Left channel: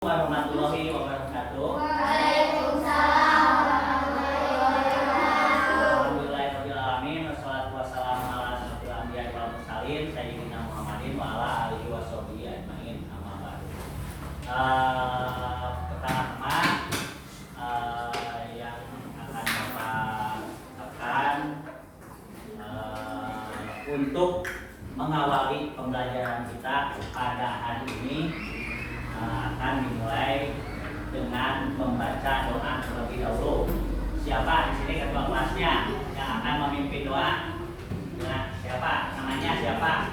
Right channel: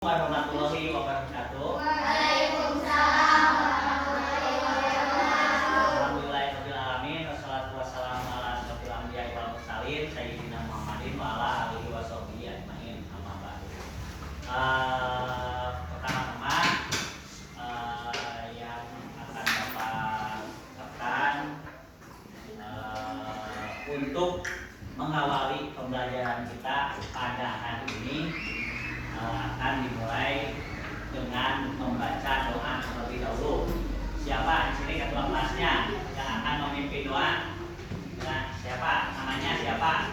Warahmatullahi wabarakatuh. Waalaikumsalam warahmatullahi wabarakatuh. Alhamdulillahirabbil alamin wassalatu wassalamu ala asyrofil anbiya'i wal mursalin sayyidina Muhammadin wa ala alihi washabihi ajmain. Amma ba'du. Pertama-tama yang akan Bapak tekan untuk mengawali pembelajaran kita pada hari ini akan dimulai dengan membaca doa terlebih dahulu. Siapa di sini ketua kelasnya yang akan memimpin doa? Nah, siapa? Namanya siapa?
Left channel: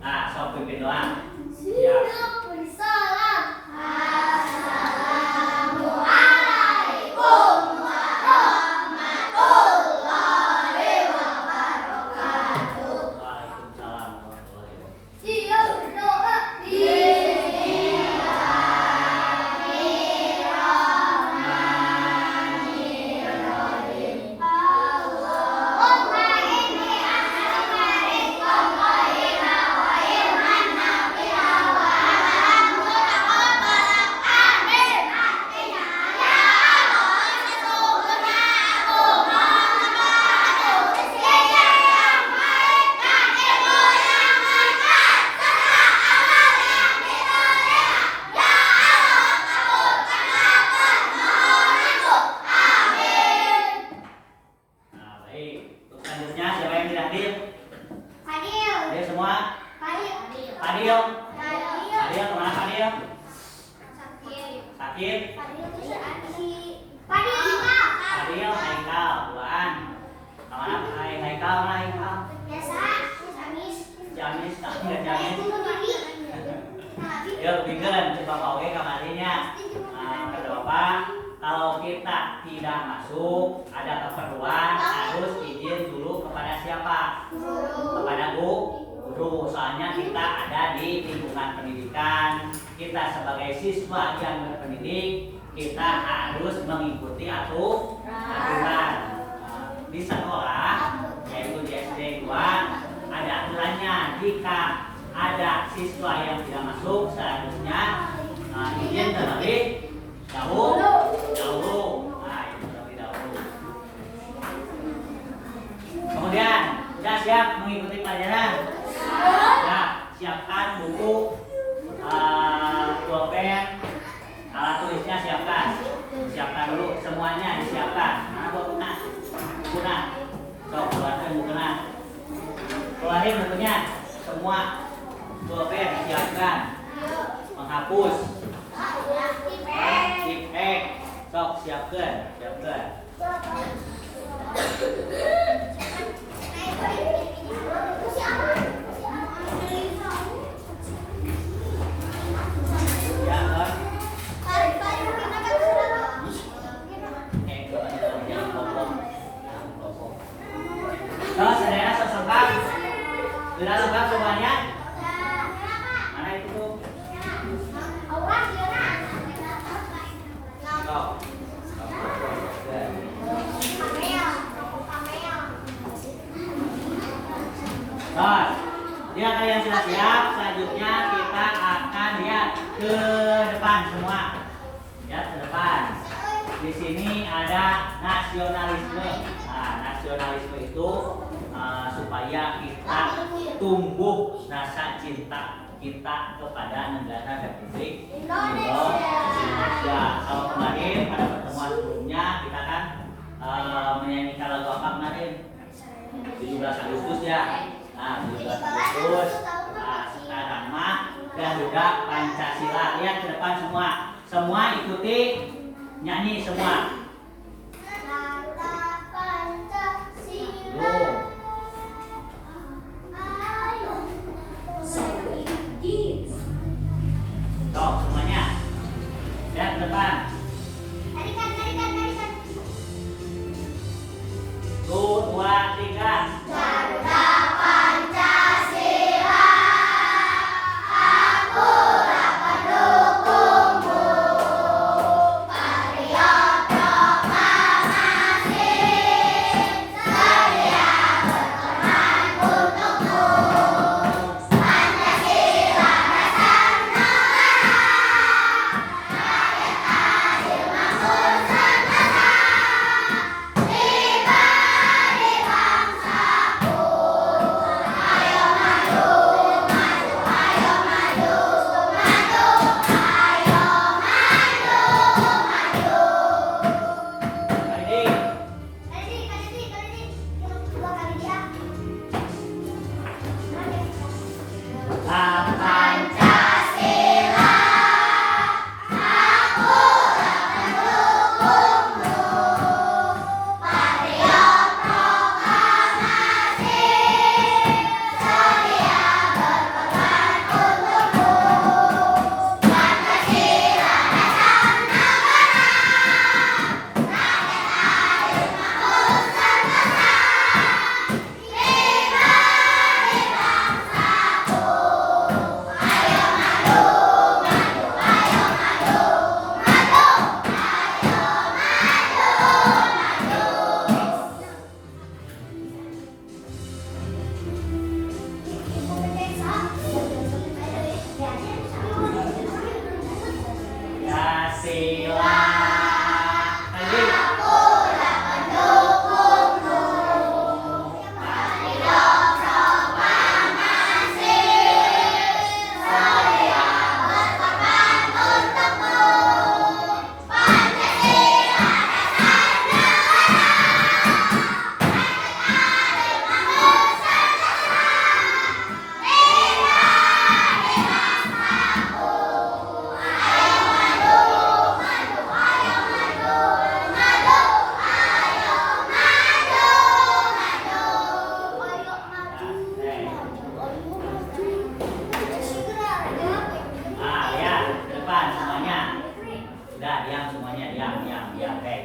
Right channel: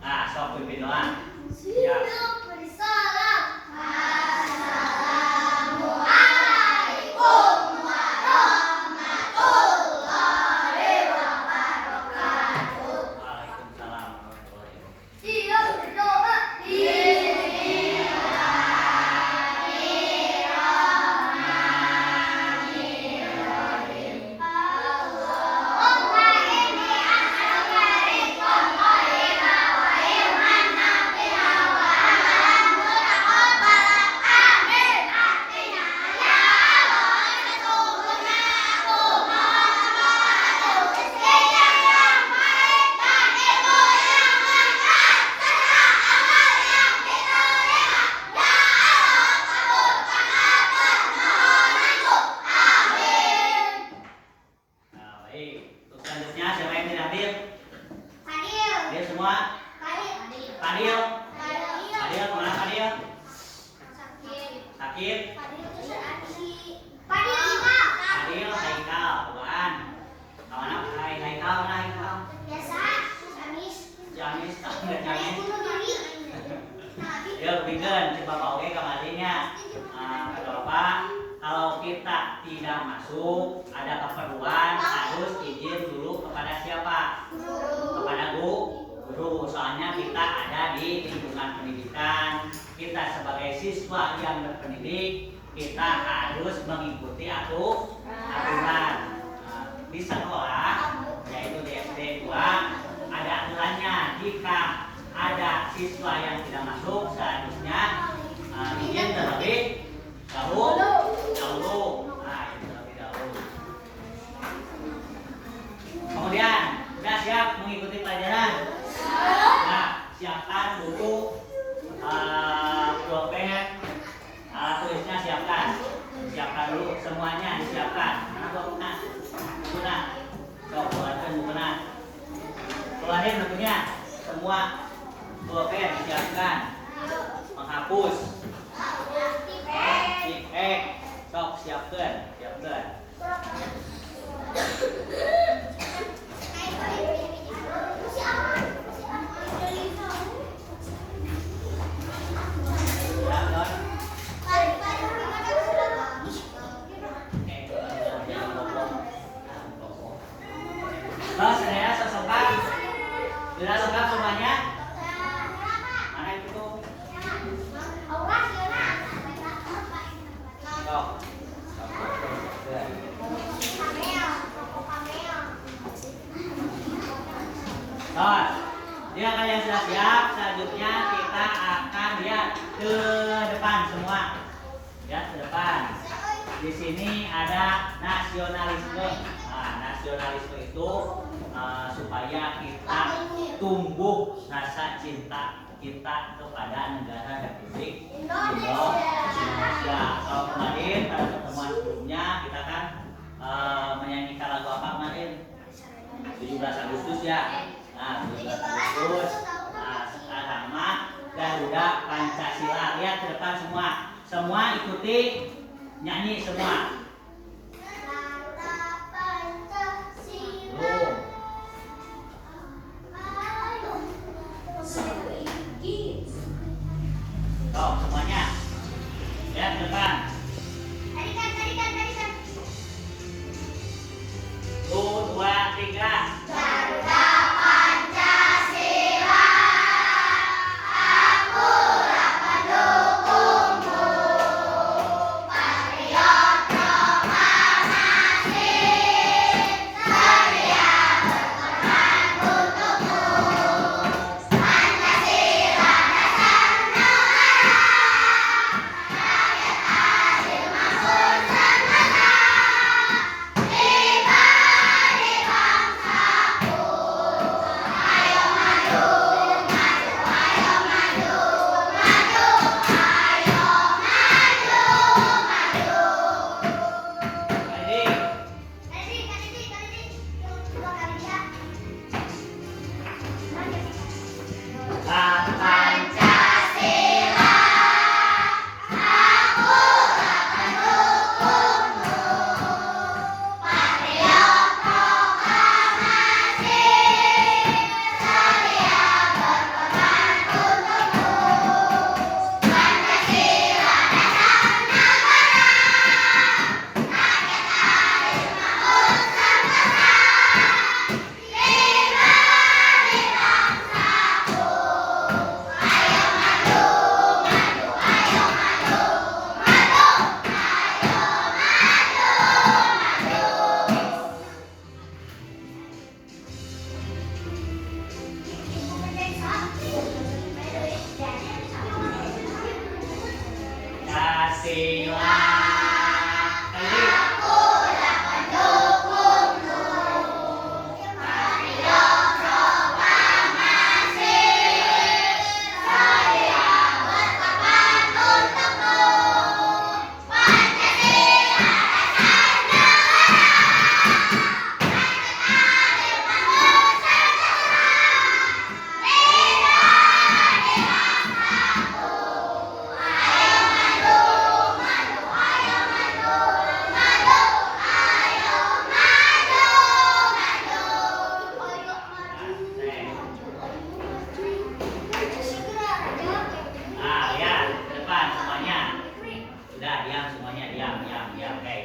Nah, sok pimpin doa. Ya. Assalamualaikum warahmatullahi wabarakatuh. Waalaikumsalam warahmatullahi wabarakatuh. Siap berdoa. Selanjutnya siapa yang tidak hadir? Fadil. Hadir semua? Fadil. Fadil. Fadil kemana Fadil? Sakit? Fadil, Haikal, duaan. Kemana Haikal? Mana Haikal? Jamis, nggak Jamis. Ya, bikin coba Pak Oke kamarinya. Kata Bapak, kalau kita tidak masuk, ada keperluan harus izin dulu kepada siapa? Kepada guru. Soalnya kita ada di lingkungan pendidikan. Kita sebagai siswa yang berpendidik, kita harus mengikuti aturan. Di sekolah, yaitu di SD 2, ada aturannya. Jika ada siswa yang tidak masuk, seharusnya izin terlebih dahulu. Nah, itu terlebih dahulu. Kemudian, sudah siap mengikuti pelajaran? Nah, siapkan buku, pulpen, alat tulisnya siapkan. Siapkan dulu semuanya, disiapkan. Mana bukunya? Bukunya. Sok, keluarkan bukunya. Keluarin bukunya. Semua pulpen siapkan. Menghapus. Tipek. Sok, siapkan. Ya, Don. Saudara sesempat dilakukan semuanya. Mana itu tuh? Jika kalian sudah siap, selanjutnya kita akan lihat ke depan semua. Ya, ke depan. Di sini ada nasionalisme. Nah, nasionalisme itu supaya kita tumbuh rasa cinta kita kepada negara Republik Indonesia. Kalau kemarin pada pertemuan sebelumnya kita kan menyanyikan lagu apa kemarin? 17 Agustus ya. Nah, 17 Agustus. Nah, sekarang mah Garuda Pancasila. Lihat ke depan semua. Semua ikuti nyanyi semua. Tuh, semuanya. Lihat ke depan. Tuh, 2, 3. Garuda Pancasila, akulah pendukungmu, patriot proklamasi, sedia berkorban untukmu, Pancasila dasar negara. silang. Lagi. Akulah pendukungmu. Mari dong coba ngasih. Saya berkorban untukmu. Pancasila dasar negara. Adil makmur sejahtera. Indah bangsaku. Ayo maju, maju, ayo maju, maju, ayo maju, maju, ayo Ah, lihat ke depan semuanya. Sudah, diam semuanya, diam. Oke.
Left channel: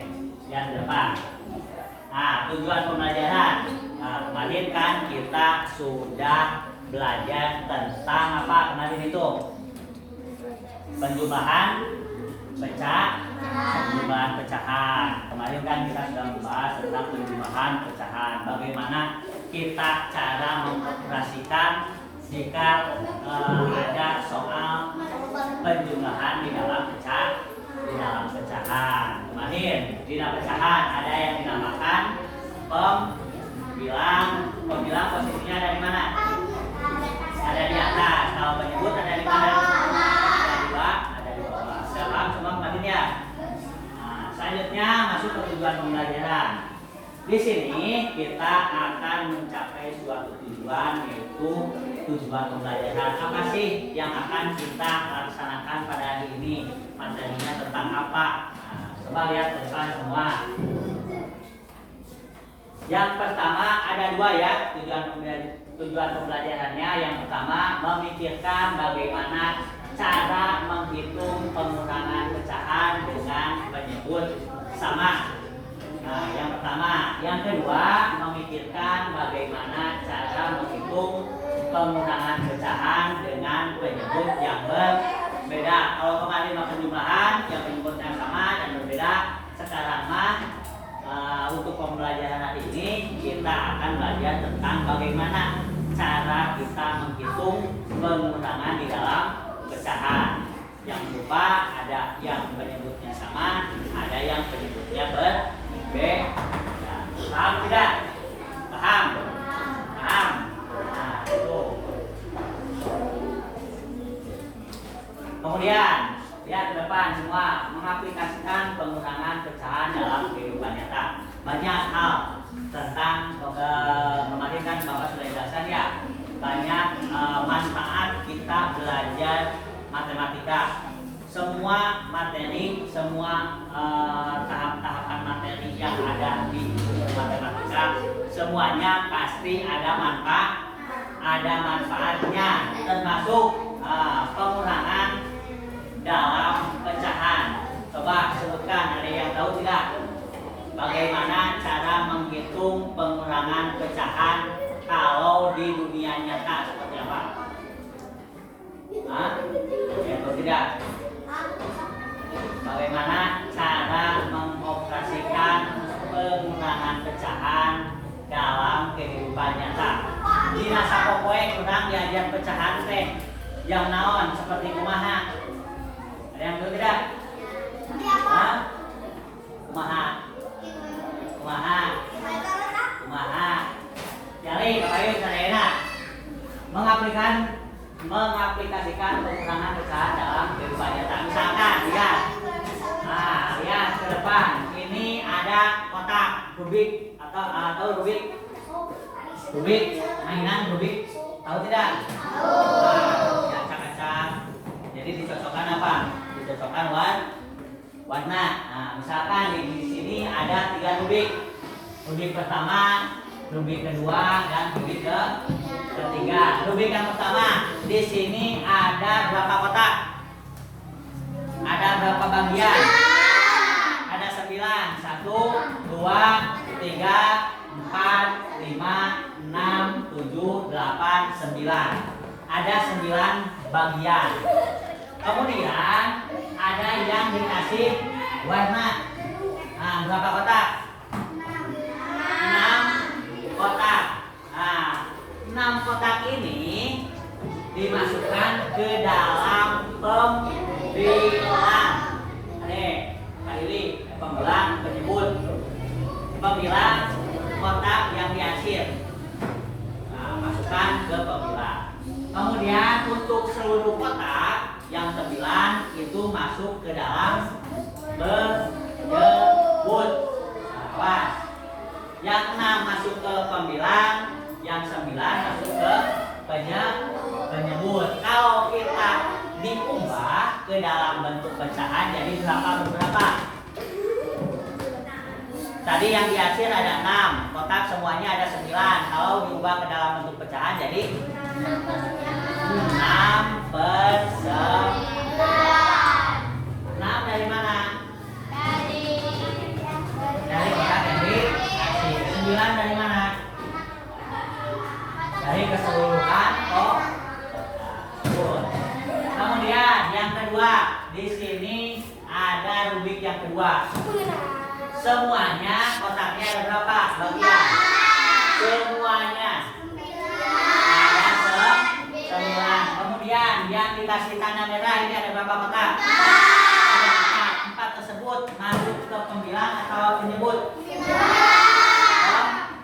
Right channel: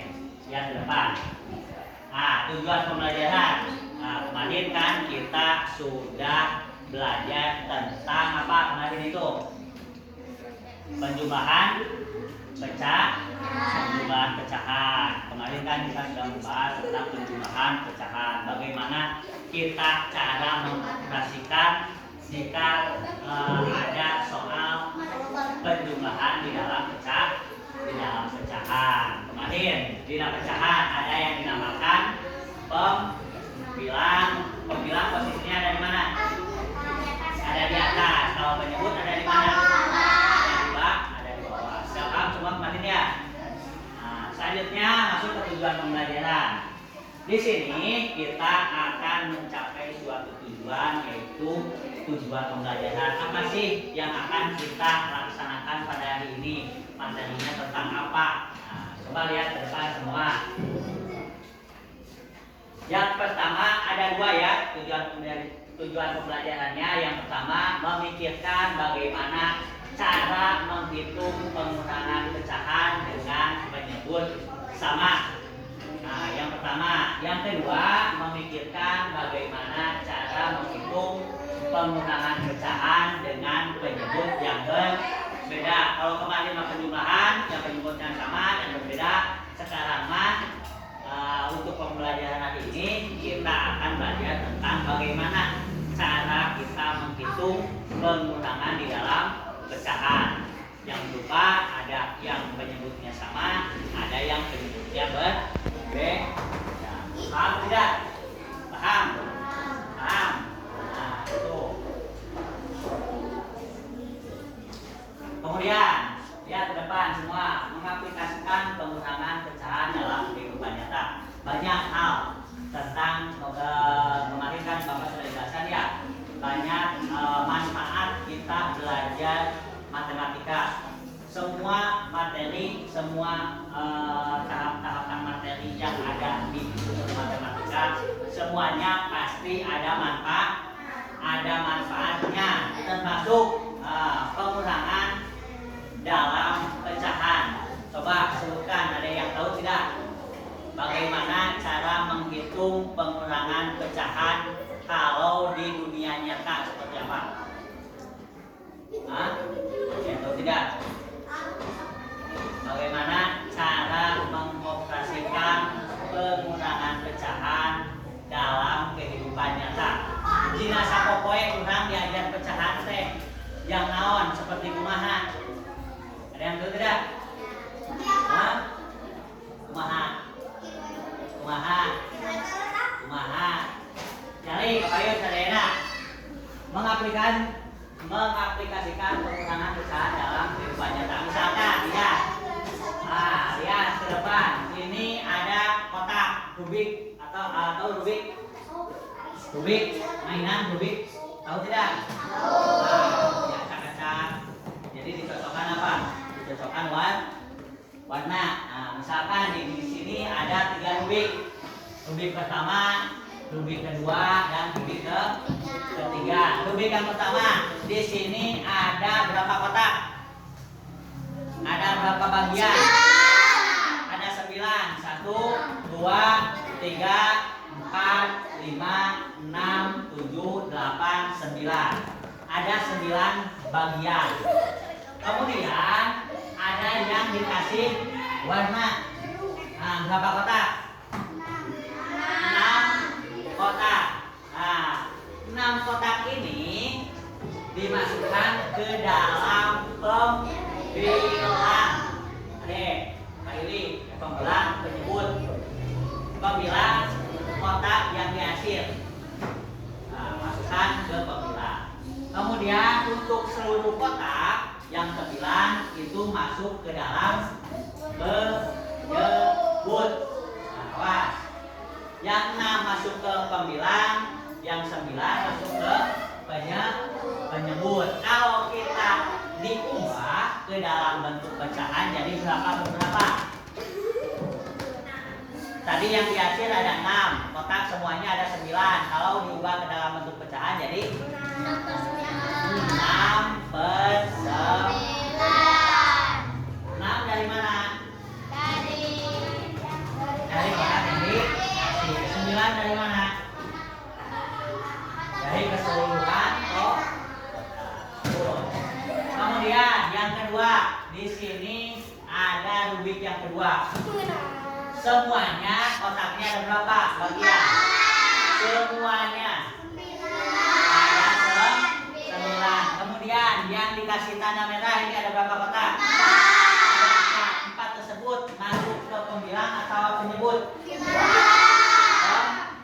Lihat ke depan. Tujuan pembelajaran. Kemarin kan kita sudah belajar tentang apa kemarin itu? Penjumlahan penjumlahan pecahan. Kemarin kan kita sudah membahas tentang penjumlahan pecahan. Bagaimana kita cara mengoperasikan jika ada soal penjumlahan di dalam pecahan. Kemarin di dalam pecahan ada yang dinamakan pembilang posisinya ada di mana? Ada di atas. Kalau penyebut ada di mana? Ada di bawah. Paham semua kemarin ya? Selanjutnya masuk ke tujuan pembelajaran. Di sini kita akan mencapai suatu tujuan, yaitu tujuan pembelajaran. Apa sih yang akan kita laksanakan pada hari ini? Materinya tentang apa? Coba lihat ke depan semua. Yang pertama ada dua ya tujuan pembelajarannya. Yang pertama memikirkan bagaimana cara menghitung pengurangan pecahan dengan menyebut sama. Yang pertama. Yang kedua memikirkan bagaimana cara menghitung pengurangan pecahan dengan penyebut yang berbeda. Kalau kemarin mah penjumlahan, yang penyebutnya sama dan berbeda. Sekarang mah untuk pembelajaran hari ini kita akan belajar tentang bagaimana cara kita menghitung pengurangan di dalam pecahan. Yang lupa ada yang penyebutnya sama, ada yang penyebutnya berbeda. Paham tidak? Paham? Itu. Kemudian lihat ke depan semua, mengaplikasikan pengurangan pecahan dalam kehidupan nyata. Banyak hal tentang kemarin kan Bapak sudah jelaskan ya. Banyak manfaat kita belajar matematika. Semua materi, semua tahap-tahapan materi yang ada di buku matematika, semuanya pasti ada manfaatnya, termasuk pengurangan dalam pecahan. Coba sebutkan, ada yang tahu tidak? Bagaimana cara menghitung pengurangan pecahan kalau di dunia nyata seperti apa? Yang tahu tidak? Bagaimana cara mengoperasikan pengurangan pecahan dalam kehidupan nyata? Dina sapopoe urang diajar pecahan teh yang naon seperti kumaha? Ada yang tahu tidak? Kumaha? Jadi kayu sadayana mengaplikasikan pengurangan pecahan dalam kehidupan nyata. Misalkan lihat, lihat ke depan. Ini ada kotak Rubik atau Rubik, mainan Rubik. Tahu tidak? Tahu. Acak-acak. Jadi dicocokkan apa? Dicocokkan warna. Misalkan di sini ada 3 Rubik. Rubik pertama, Rubik kedua, dan Rubik ketiga. Rubik yang pertama, di sini ada berapa kotak? Ada berapa bagian? Ada 9. 1, 2, 3, 4, 5, 6, 7, 8, 9. Ada 9 bagian. Kemudian ada yang dikasih warna. Berapa kotak? 6 kotak. 6 kotak ini dimasukkan ke dalam pembilang. Ada pembilang, penyebut. Pembilang kotak yang diakhir. Nah, masukkan ke pembilang. Kemudian untuk seluruh kotak yang 9 itu masuk ke dalam penyebut. Nah, awas. Yang 6 masuk ke pembilang, yang 9 masuk ke penyebut. Kalau kita diubah ke dalam bentuk pecahan jadi berapa? Tadi yang di akhir ada 6, kotak semuanya ada 9. Kalau diubah ke dalam bentuk pecahan jadi 6 per 9. 6 dari mana? Dari kotak yang dikasih. 9 dari mana? Dari keseluruhan kotak. Kemudian yang kedua, di sini ada rubik yang kedua. Semuanya kotaknya ada berapa bagian? Semuanya ada 9. Kemudian yang dikasih tanda merah ini ada berapa kotak? Ada 4 tersebut masuk ke pembilang atau penyebut?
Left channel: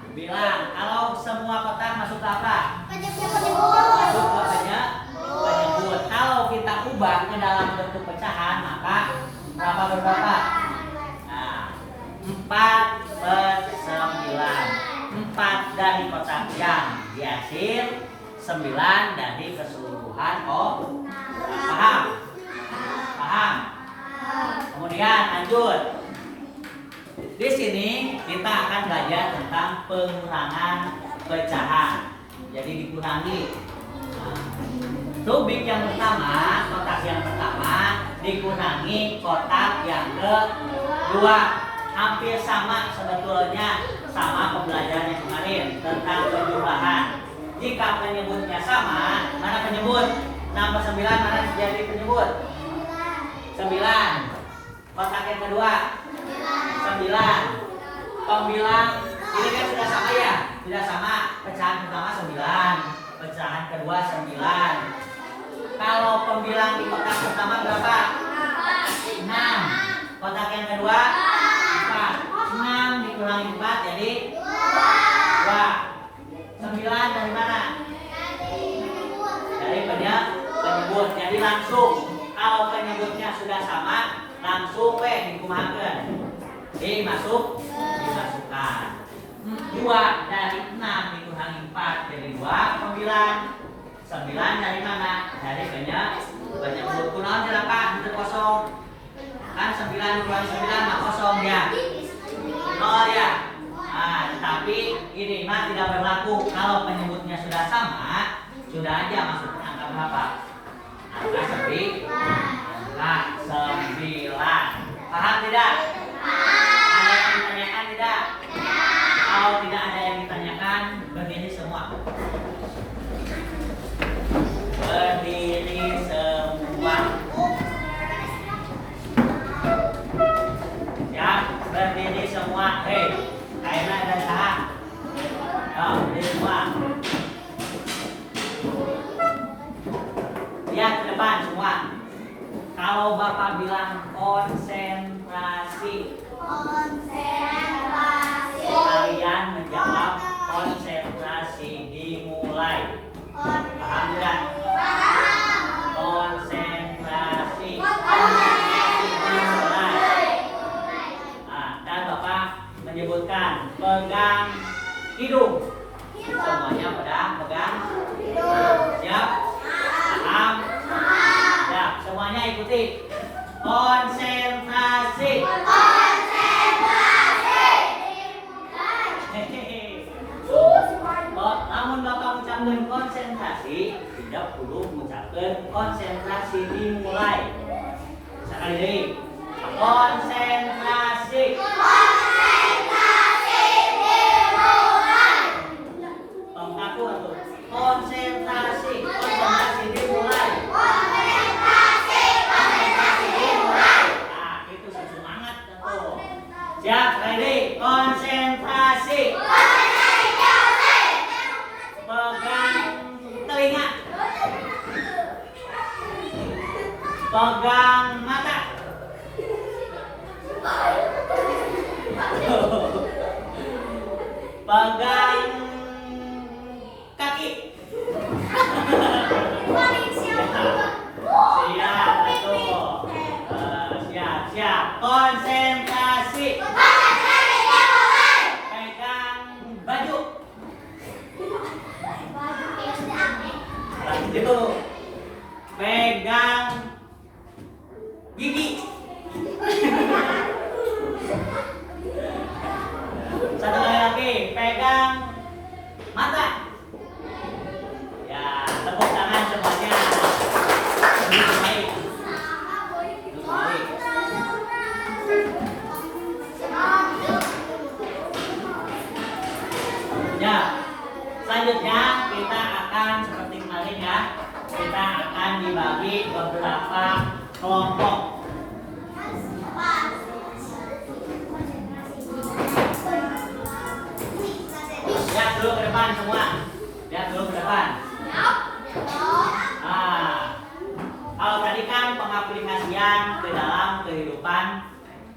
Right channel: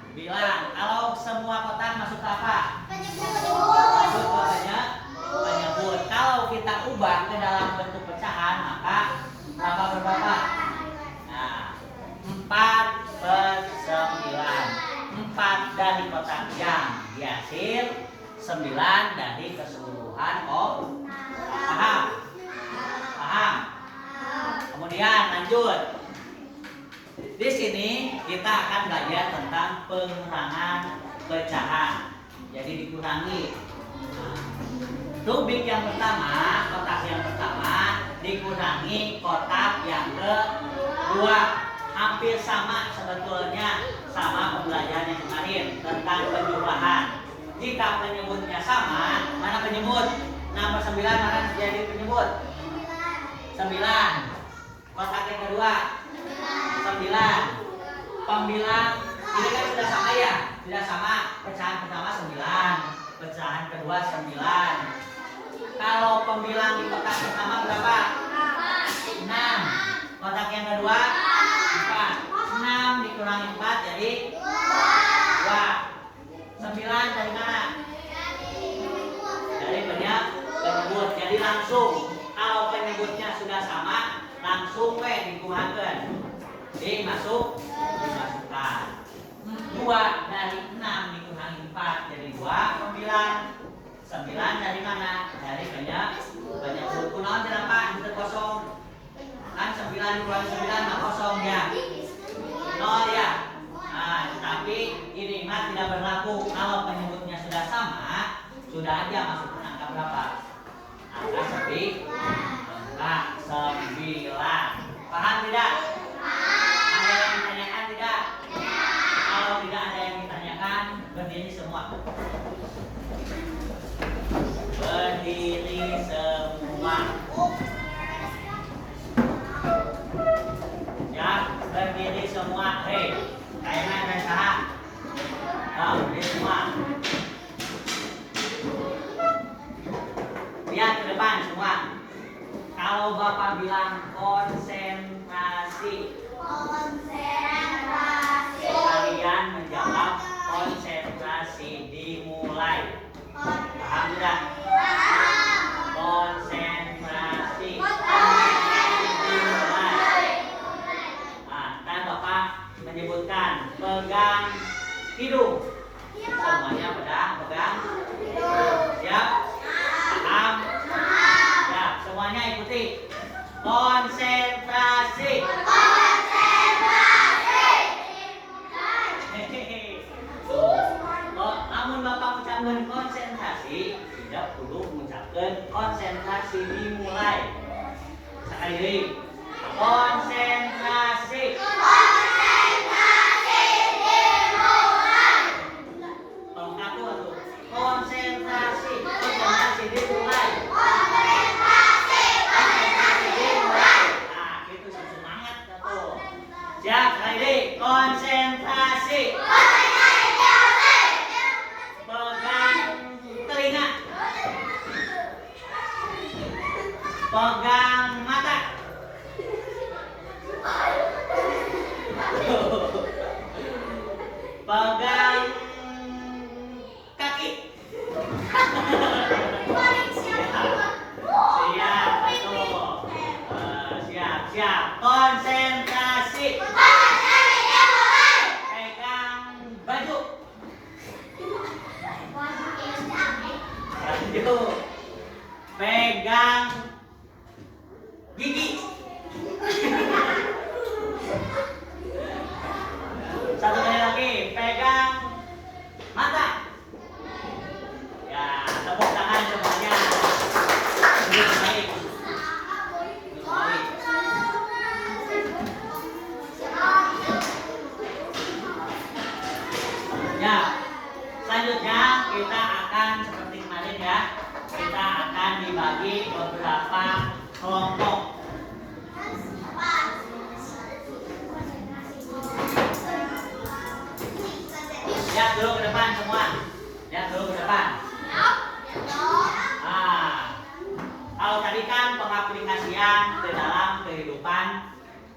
Pembilang. Kalau semua kotak masuk ke apa? Masuk ke penyebut. Kalau kita ubah ke dalam bentuk pecahan maka berapa? 4 per 9. 4 dari kotak yang diakhir, 9 dari keseluruhan. Paham? Kemudian lanjut. Di sini kita akan belajar tentang pengurangan pecahan. Jadi dikurangi. Rubik yang pertama, kotak yang pertama dikurangi kotak yang kedua. Hampir sama sebetulnya sama pembelajaran yang kemarin tentang penjumlahan. Jika penyebutnya sama, mana penyebut? 6 per 9 mana jadi penyebut? 9. Kotak yang kedua 9. Pembilang ini kan sudah sama ya? Sudah sama. Pecahan pertama 9, pecahan kedua 9. Kalau pembilang di kotak pertama berapa? 6. Kotak yang kedua 6 dikurangi 4 jadi 2. 9 dari mana? Dari penyebut. Jadi langsung kalau penyebutnya sudah sama langsung dikurangi. Dimasukkan. 2 dari 6 dikurangi 4 jadi 2. Pembilang 9 dari mana? Dari penyebut. Kunaon jerapa itu kosong. Kan 9 dikurangi 9 nggak kosong ya. 0 ya. Nah, tetapi ini tidak berlaku kalau penyebutnya sudah sama, sudah aja masuk angka berapa? Angka 9. Paham tidak? Ada yang ditanyakan tidak? Kalau tidak ada yang ditanyakan, berdiri semua. Berdiri semua. Ya, berdiri semua. Hei, kayaknya ada salah. Berdiri semua. Lihat ke depan semua. Kalau Bapak bilang konsentrasi, kalian menjawab konsentrasi dimulai. Paham tidak? Konsentrasi dimulai. Dan Bapak menyebutkan pegang hidung. Semuanya pegang hidung. Siap? Paham? Ya, semuanya ikuti. Konsentrasi. Namun Bapak ucapkan konsentrasi, tidak perlu mengucapkan konsentrasi dimulai. Sekali lagi. Konsentrasi. Konsentrasi dimulai. Nah, itu semangat tuh. Siap, ready? Konsentrasi. Pegang telinga. Pegang mata. Pegang kaki. Siap, betul. Siap. Konsentrasi. Pegang baju. Pegang gigi. Satu kali lagi, pegang mata. Ya, tepuk tangan semuanya. Duduk baik. Ya, selanjutnya kita akan seperti kemarin ya. Kita akan dibagi beberapa kelompok. Lihat dulu ke depan semua. Lihat dulu ke depan. Kalau tadi kan pengaplikasian ke dalam kehidupan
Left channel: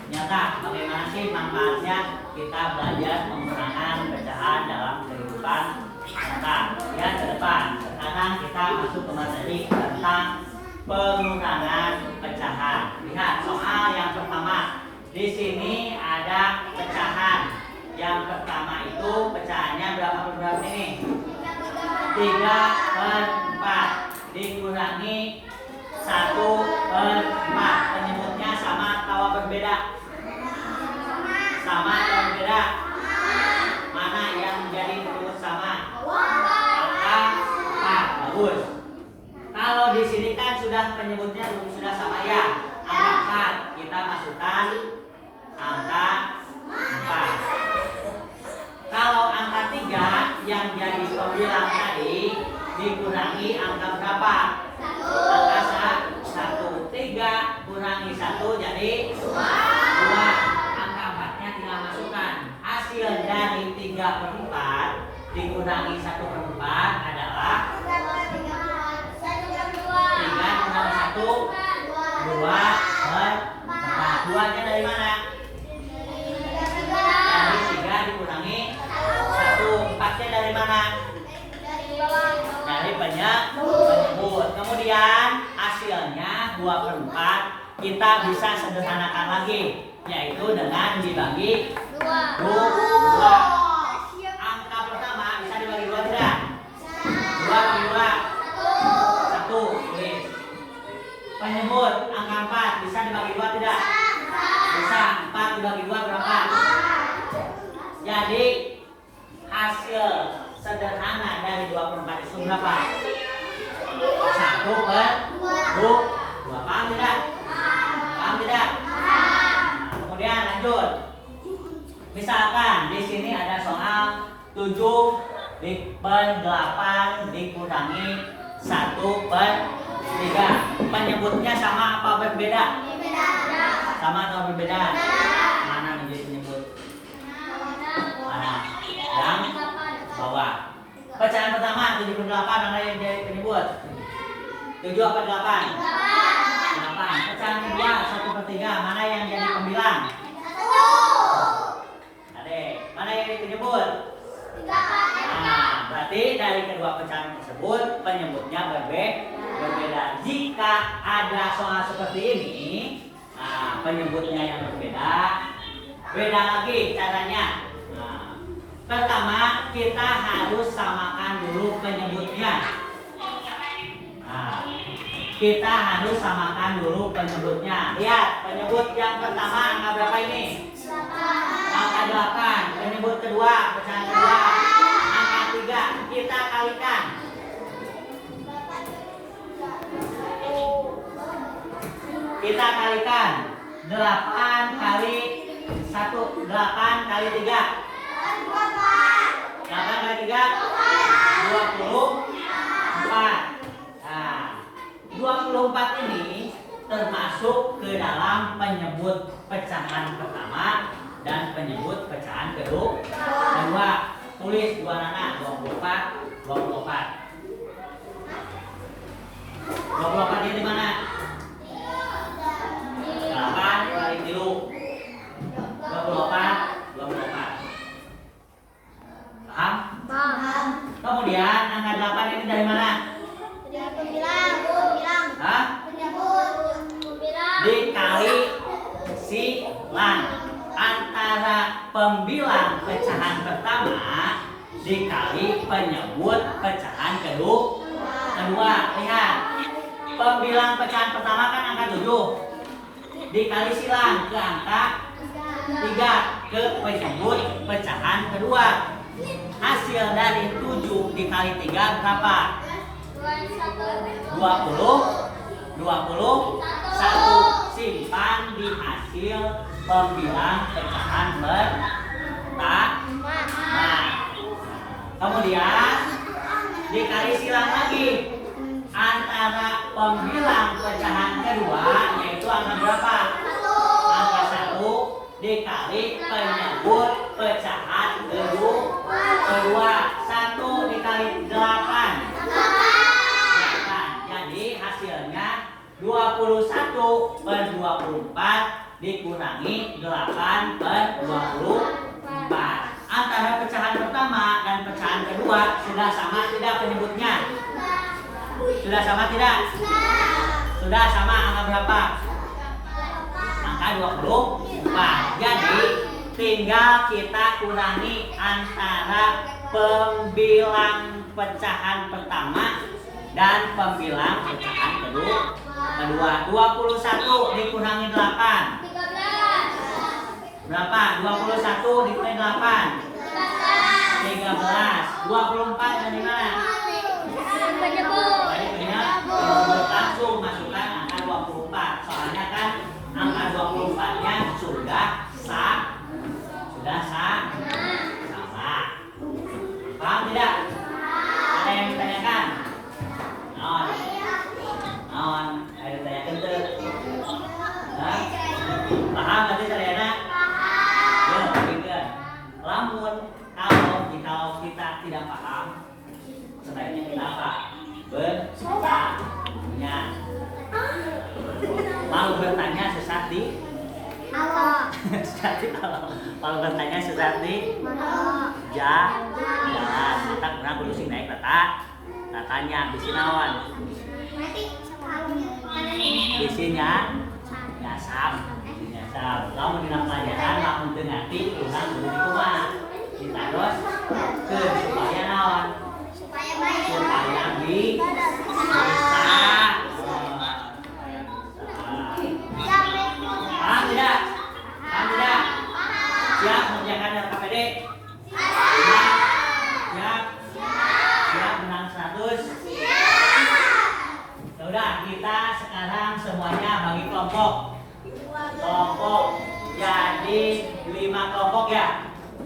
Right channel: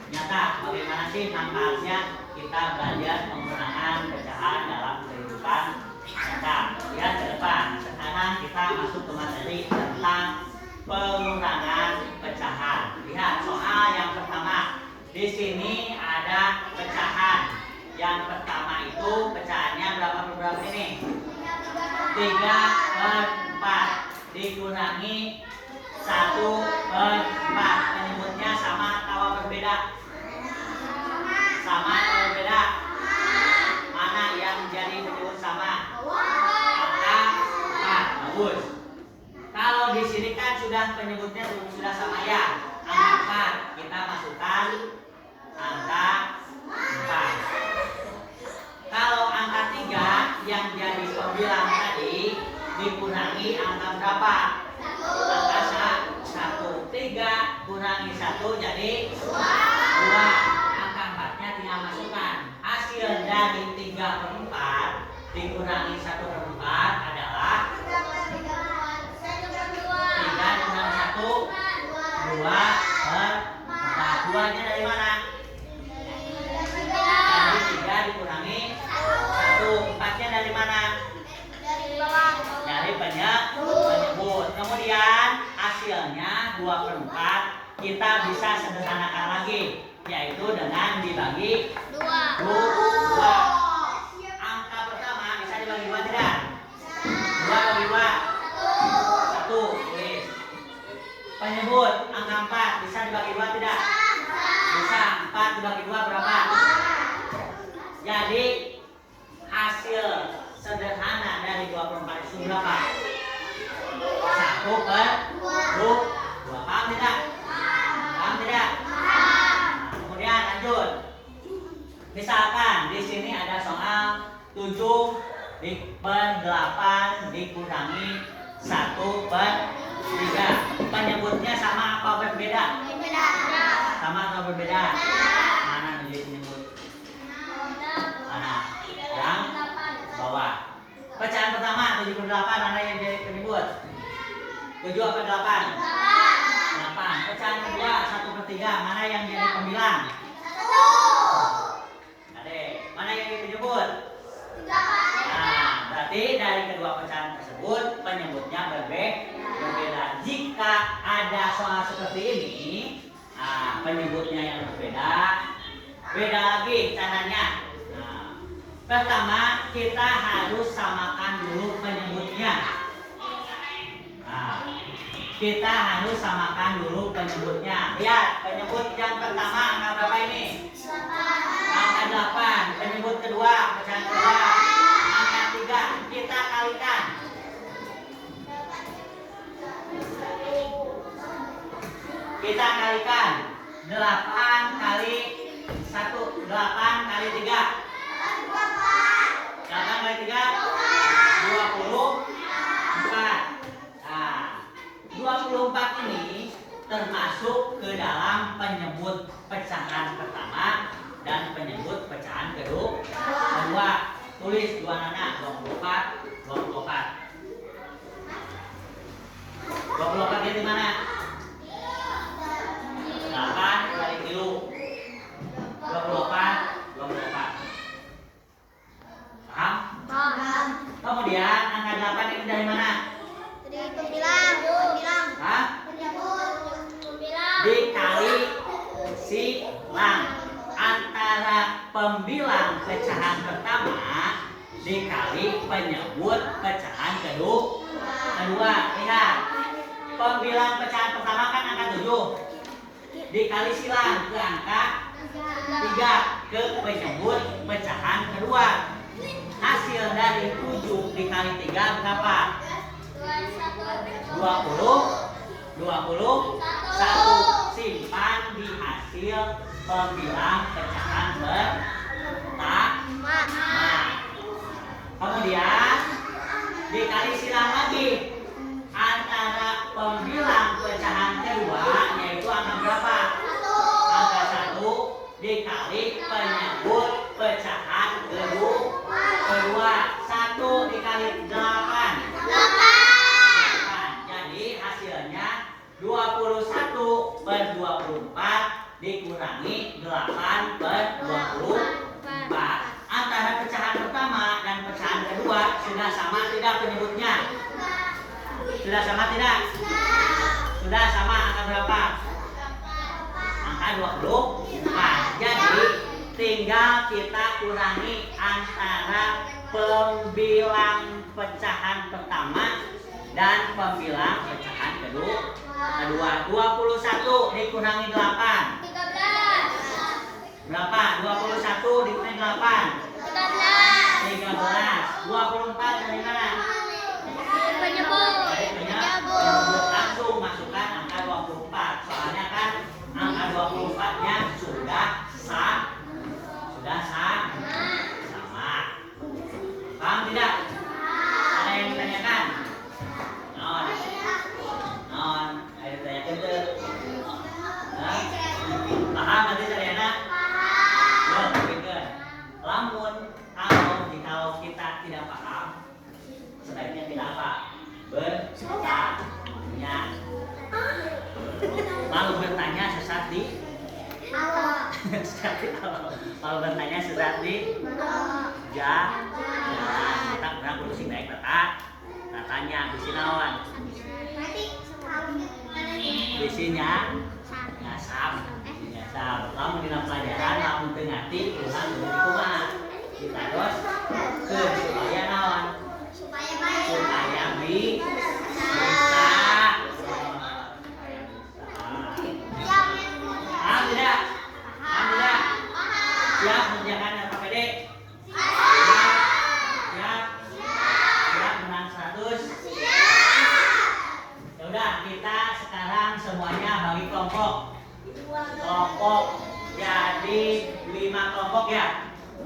nyata. Bagaimana sih manfaatnya kita belajar penggunaan pecahan dalam kehidupan nyata. Lihat ke depan. Sekarang kita masuk ke materi tentang penggunaan pecahan. Lihat soal yang pertama. Di sini ada pecahan. Yang pertama itu pecahannya berapa ini? 3/4 dikurangi 1/4. Penyebutnya sama atau berbeda? Sama atau berbeda? Mana yang menjadi penyebut sama? Angka 4. Bagus. Kalau di sini kan sudah penyebutnya sudah sama ya. Angka 4. Kita masukkan angka 4. Kalau angka 3 yang jadi pembilang tadi dikurangi angka berapa? Angka 1. 3 kurangi 1 jadi 2. Angka 4-nya tinggal masukkan. Hasil dari 3/4 dikurangi 1/4 adalah 3 kurangi 1 2/4. 2-nya dari mana? Dari 3 dikurangi 1. 4-nya dari mana? Dari penyebut. Kemudian hasilnya 2/4 kita bisa sederhanakan lagi, yaitu dengan dibagi 2. Angka pertama bisa dibagi 2 tidak? 2 bagi 2 1. Penyebut angka 4 bisa dibagi 2 tidak? Bisa. 4 dibagi 2 berapa? Jadi hasil sederhana dari 2/4 itu berapa? 1/2. Paham tidak? Paham tidak? Kemudian lanjut. Misalkan di sini ada soal 7/8 dikurangi 1/3. Penyebutnya sama apa berbeda? Sama atau berbeda? Mana menjadi penyebut? Mana? Yang bawah. Pecahan pertama 78 mana yang jadi penyebut? 7 apa 8? 8. Pecahan kedua 1/3 mana yang jadi pembilang? 1. Adek, mana yang jadi penyebut? 3. Berarti dari kedua pecahan tersebut penyebutnya berbeda. Jika ada soal seperti ini, penyebutnya yang berbeda, beda lagi caranya. Pertama, kita harus samakan dulu penyebutnya. Kita harus samakan dulu penyebutnya. Lihat, penyebut yang pertama angka berapa ini? Angka 8. Penyebut kedua, pecahan kedua, angka 3. Kita kalikan. Kita kalikan 8 kali 1, 8 kali 3. 8 kali 3 24. Nah, 24 ini termasuk ke dalam penyebut pecahan pertama dan penyebut pecahan kedua. Tulis dua anak 24. 24 ini di mana? 8 kali 3. 24 dikali silang. Antara pembilang pecahan pertama dikali penyebut pecahan kedua. Lihat, pembilang pecahan pertama kan angka 7 dikali silang ke angka 3 ke penyebut pecahan kedua. Hasil dari 7 dikali 3 berapa? 20. 1 simpan di hasil pembilang pecahan pertama. Kemudian dikali silang lagi antara pembilang pecahan kedua, yaitu angka berapa? Angka 1 dikali penyebut pecahan kedua. 1 dikali 8. Jadi hasilnya 21 per 24 dikurangi 8 per 24. Antara pecahan pertama dan pecahan kedua sudah sama tidak penyebutnya? Sudah sama tidak? Sudah sama. Angka berapa? Angka 24. Jadi tinggal kita kurangi antara pembilang pecahan pertama dan pembilang pecahan kedua. 21 dikurangi 8 berapa? 21 dikurangi 8 13. 24 dari mana? Dari penyebut. Langsung masukkan angka 24. Soalnya kan angka 24 nya sudah sama. Paham tidak? Ada yang ditanyakan? Non, ada ditanyakan tuh. Paham nanti caranya? Yo, pikir. Lamun kalau kita tidak paham, sebaiknya kita apa? Bertanya. Lalu bertanya sesat di Allah. Kalau bertanya sesat di jalan. Maka kurang kudu sing naik tanya bisi naon? Bisinya nyasam. Kamu dina pelajaran lamun teu ngarti urang kudu dikumaha? Ditados supaya naon? Supaya bisa. Paham tidak? Siap mengerjakan LKPD? Siap menang 100? Yaudah, kita sekarang semuanya bagi kelompok jadi 5 kelompok ya.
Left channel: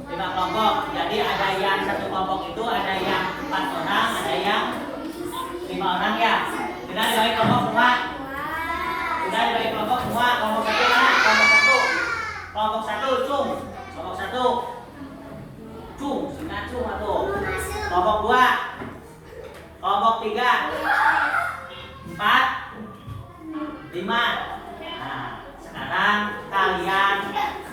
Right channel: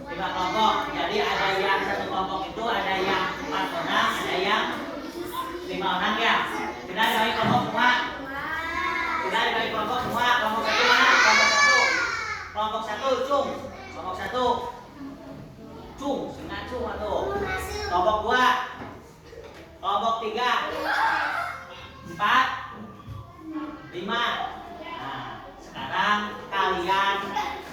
5 kelompok. Jadi ada yang satu kelompok itu ada yang 4 orang, ada yang 5 orang ya. Sudah dibagi kelompok semua. Kelompok 1 mana? Kelompok 1 cung. Kelompok 1 cung, singkat cung atau. Kelompok 2. Kelompok 3. 4. 5. Nah, sekarang kalian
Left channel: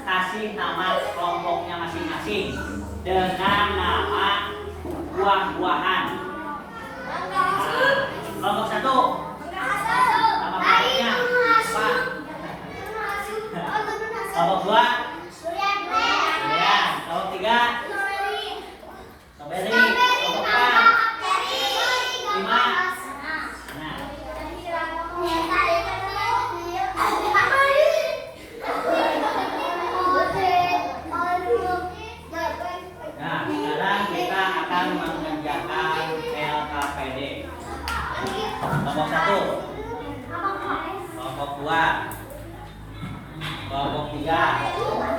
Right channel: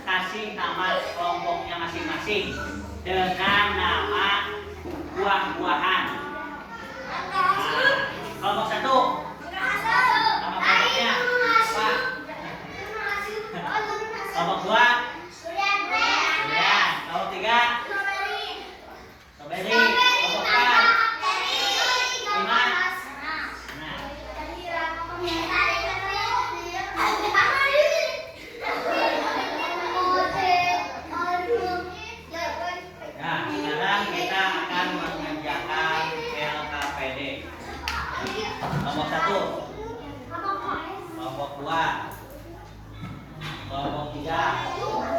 kasih nama kelompoknya masing-masing dengan nama buah-buahan. Nah, kelompok 1 nama kelompoknya apa? Kelompok 2 durian. Kelompok 3 strawberry. Kelompok 4 5 kelompok 1, kelompok 2, kelompok 3,